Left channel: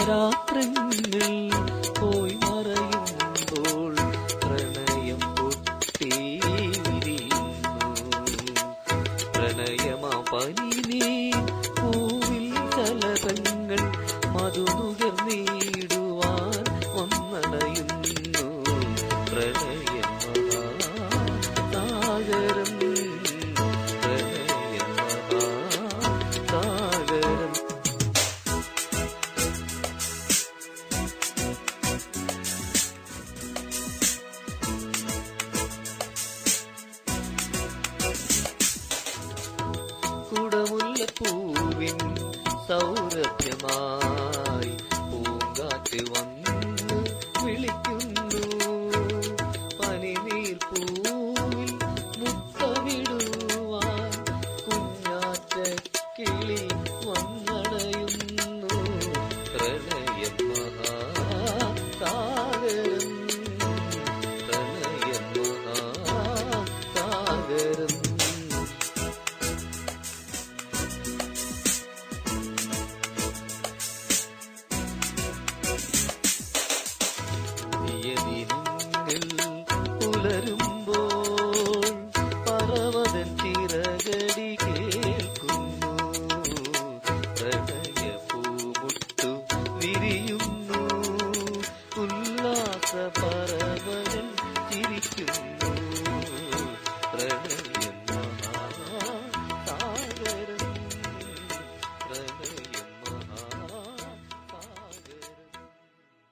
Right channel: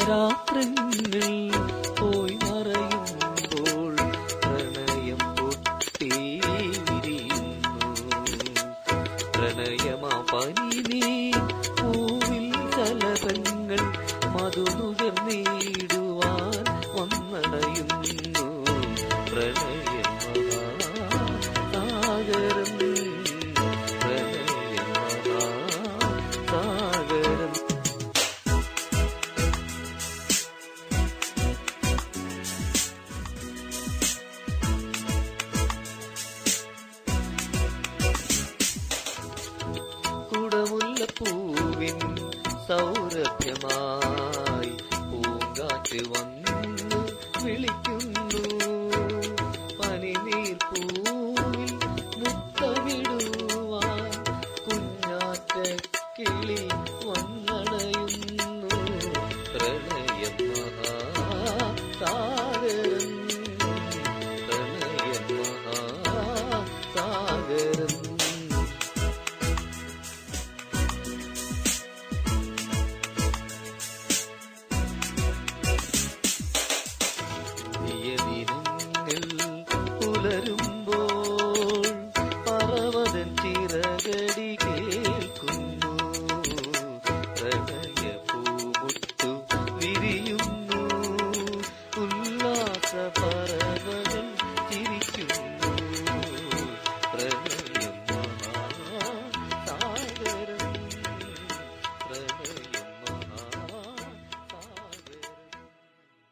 രാത്രങ്ങൾ പോയി മറയുമ്പോൾ പ്രണയം പൊട്ടി വിരിയുന്നു. പ്രണയമാ പനിനീ പൂവിൽ ചലതങ്ങൾ മധുനുകർന്നിടുവാൻ വന്നടയുന്നു. പ്രണയം മഹാസാഗരം, പ്രണയം മഹാസാഗരം. കുടമുല്ലപ്പൂവിൻ സൗരഭ്യമായി പൂങ്കാറ്റ് വന്ന് വിളിക്കുന്നു. പനിനീർ പൂവിൽ മുത്തമിടുവാൻ കുഞ്ഞാറ്റ കിളി വന്നണയുന്നു. പ്രണയം മഹാസാഗരം, പ്രണയം മഹാസാഗരം. ദിനങ്ങൾ പുലരുമ്പോൾ പർവ്വതൻ ചിറകടി കേൾക്കുന്നു. പ്രണയ പൂമുട്ടു വിരിയുന്നു. ഉല്ലാസ പറവകൾ ചിരിക്കുന്നു.